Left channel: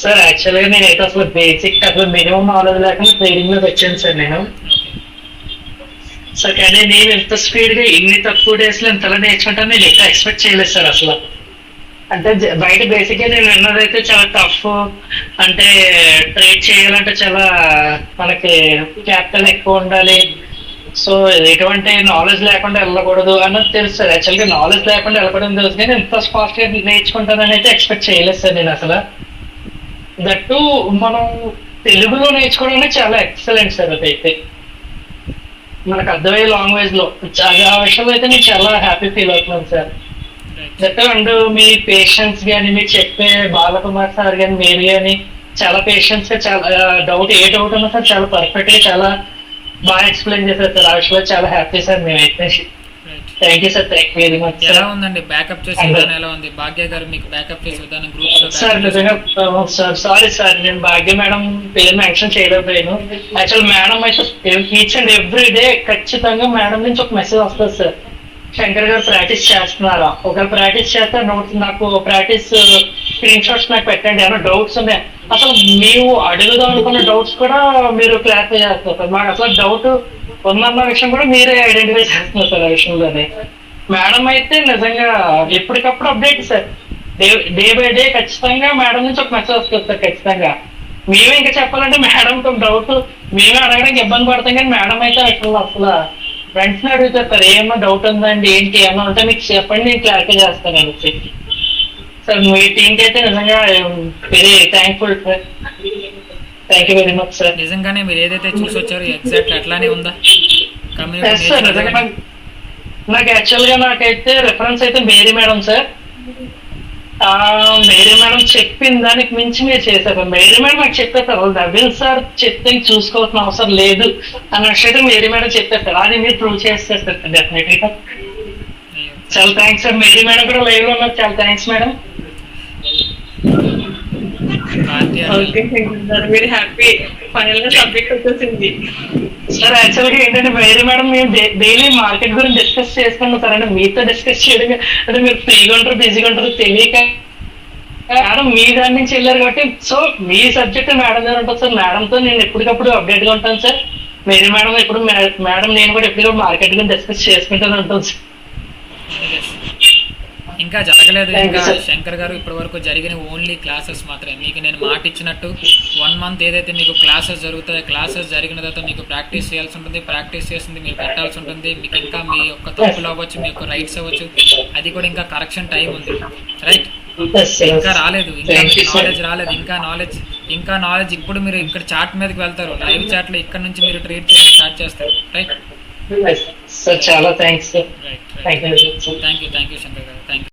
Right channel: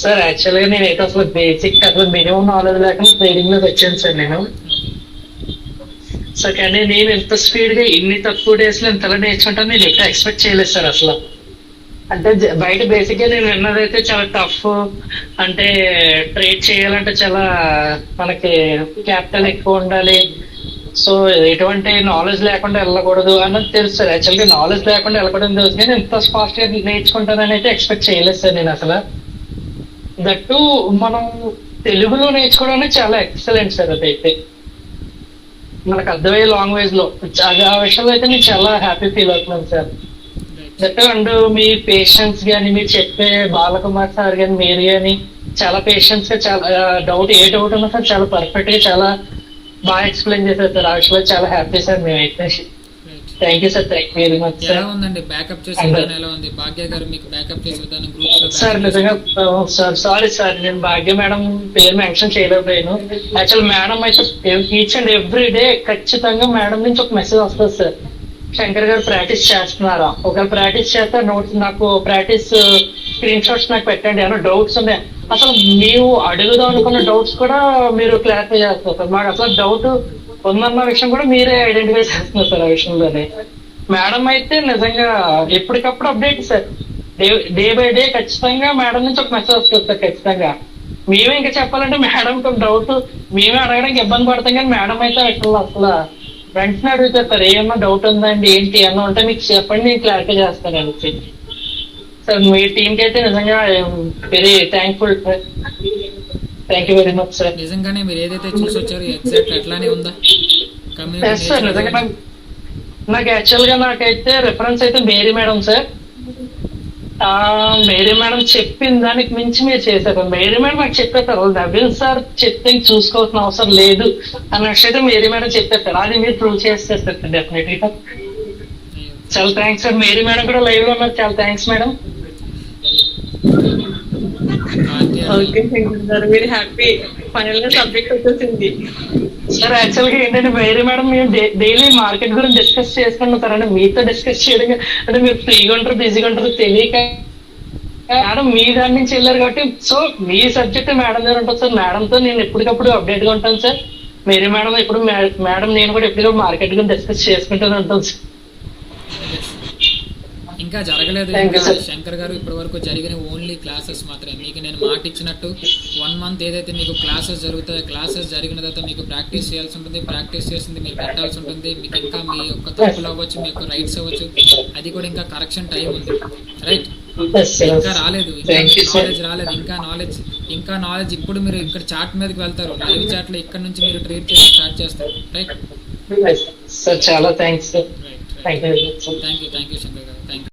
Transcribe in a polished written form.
Sir యాక్చువల్గా నేనైతే అసలు బేసిక్ అసలు మినిమం నాలెడ్జ్ లేకుండా ట్రేడింగ్ లోకి వచ్చాను సార్ నేను. ఓకే. సార్ కానీ నేను ఇంత స్పీడ్ గా ఇన్ని తక్కువ డేస్ లో ఇంతలా నేర్చుకుంటాను నేను ఎక్కువ ఎక్స్పెక్ట్ చేయలేదు సార్ అసలు. అంటే బయట బేసిక్ గా నేను విన్నదైతే చాలా టఫ్, అంటే ట్రేడ్ చేయాలంటే చాలా మనకి క్యాపిటల్ ఎక్కువ ఉండాలి, సో ఎటువంటి నాలెడ్జ్ లేకుండా వెళ్ళకూడదు అన్నది తెలుసు సార్. యాక్చువల్గా నాలెడ్జ్ లేకుండా వెళ్ళకూడదు తెలుసు కానీ ఇంత ఫాస్ట్ గా నేర్చుకుంటానని అయితే ఎక్స్పెక్ట్ చేయలేదు సార్ నేను అసలు. దట్టు మనం తెలుగులో నేర్చుకోవడం అనేది చాలా ఎక్సలెంట్ సార్. అదైతే మనకు అర్థమయ్యే లాంగ్వేజ్ లో ఆ విషయంలో అయితే నేను చాలా హ్యాపీ ఫీల్ అవుతున్నాను sir. Right. That and me patience కానీ మీరు చెప్పే బాలకుమార్ సార్ కానీ మీరు కానీ చాలా పేషెన్స్ గా చాలా ఏ డౌట్ ఉన్నా సార్ చాలా పర్ఫెక్ట్ గా చాలా బాగా ఎక్స్ప్లెయిన్ చేశారు సార్. ఆ విషయంలో చాలా హ్యాపీ సార్ మేమైతే. Right. Thank you sir, thank you very much ఎలా సార్. ఉందండి బ్యాకప్ చేసే విధానం ఎలా ఉంది? భాగ్య గారు మీకు బ్యాకప్ చేసే విధానం గ్రూప్స్ లో సార్ backup నిజంగా చేసే- సార్ సారీ సార్, నేను భాగ్య మేడం పేరు మెన్షన్ చేయలేకపోయాను. యాక్చువల్ మేడం అయితే ఈచ్ అండ్ ఎవ్రీ డే ఖచ్చితంగా మేడం నుంచి ఒక మెసేజ్ వస్తుంది సార్. శంకర్ గారు ప్రాక్టీస్ చేస్తున్నారా, ఒకవేళ ప్రాక్టీస్ చేస్తే నోట్స్ నాకు ప్రాక్టీస్ స్క్రీన్ షాట్స్ నాకు పెట్టండి, ఏమైనా డౌట్స్ ఉన్నాయి అసలు మేము అడుగుదాం అనుకున్న డౌట్స్ కూడా మీరు క్లారిఫై చేస్తున్నారు సార్. మాకు అసలు డౌట్ ఉందన్న విషయం కూడా మీరే ఐడెంటిఫై చేస్తున్నారు సార్ ఆ విషయంలోనే. మేడం అయితే నిజంగా ఎప్పటికప్పుడు update sir. Day by day ఖచ్చితంగా మేడం నుంచి ఒక మెసేజ్ వస్తుంది సార్ ఖచ్చితంగా. మేమే ఇంకా చెప్పాలంటే మేడం డౌట్ మేమే అడగడానికి ఇబ్బంది పడతాం కానీ మేడం అయితే అసలు వెంటనే అడుగుతారు సార్, ఏమన్నా డౌట్ ఉందండి ఏంటి ఏమన్నా ఉంటే మీకు చెప్పండి నేను క్లారిఫై చేస్తాను అనేసి. సార్ మీ టీంకి అయితే నిజంగా very thankful sir. Thank you very much sir. నిజంగానే మీరు ఏదైతే చూసి వచ్చారో ఎగ్జాక్ట్ అట్లానే ఉందా ఎస్ సార్, నిజంగా నాకు యాక్చువల్ గా నాకైతే రెఫరెన్స్ అయితే Mary madam sir. Mary madam చెప్పిన దానికి మించి మీరు చేశారు. మేరీ మేడం నాకు చెప్పేస్తారు నవీన్ సార్ చెప్తే చూసుకోవాల్సిన అవసరం లేదు అన్న విషయం మేరీ మేడం చెప్పేస్తారు. అది మీరు ప్రూవ్ చేస్తారు సార్ డెఫినెట్ గా. చాలా థ్యాంక్స్ సార్. మేరీ మేడం కూడా లైవ్ లో ఉన్నారు, చాలా థ్యాంక్స్ మేడం. ఓకే సార్, మీరు హ్యాపీ ఫైనల్ గా సబ్జెక్ట్ వచ్చేసింది. సార్ యాక్చువల్ గా ఏంటంటే మేరీ మేడం మేము డైలీ మార్కెట్ గురించి డిస్కస్ చేసుకుంటాం సార్. అంటే మీతో డిస్కస్ చేయడం అంటే మీరు ఫ్రీగా ఉంటారు బిజీగా ఉంటారు తెలియక మేడం మీ దాని నుంచి వెళ్ళారు కాబట్టి సో మీ సబ్జెక్ట్ మేడం దగ్గర ఉంటుంది సార్. మేడంతో నేను ఎప్పటికప్పుడు అప్డేట్ గా ఉంటాను సార్. మేరీ మేడం ఎప్పుడు మేడం నేను కూడా ఎప్పటికప్పుడు మార్కెట్ గురించి డిస్కస్ చేసుకుంటూనే ఉంటాను సార్. ఇంకా జరగలేదు. Thank ఇంకా you, sir. శంకర్ గారు ఇప్పటి వరకు జరిగిన ఓన్లీ క్లాసెస్ మాత్రమే. మీకు నేను మాట ఇచ్చినట్టు 1 month ఏదైతే మీకు క్లాసెస్ జరుగుతాయో క్లాసెస్ జరిగిన తర్వాత మీకు ప్రాక్టీస్ చేయాల్సి ఉంటుంది. ప్రాక్టీస్ చేసింది మీరు పెట్టాల్సి ఉంటుంది. మీకు ఇంకా మీ యొక్క తప్పులు అవ్వచ్చు, మీ యొక్క రైట్స్ అవ్వచ్చు, అది కూడా ఇంకా కరెక్షన్ టైం ఉంది. రైట్. Yes, sir. ఇంకా రాలేదు, ఇంకా Thank మీకు you, sir. నాలెడ్జ్ రాలేదు. ఇంకా నాలెడ్జ్ ఇప్పుడు మీరు ఇక్కడ చాట్ మీదకి వెళ్తారు. లైవ్ చాట్ లో ఇక్కడ నుంచి మీరు ట్రేడ్ చేసి స్టార్ట్ చేస్తారు. రైట్. సార్ చాలా thanks sir. Right. Thank you very much sir. Thank you Shankar గారు. Thank you.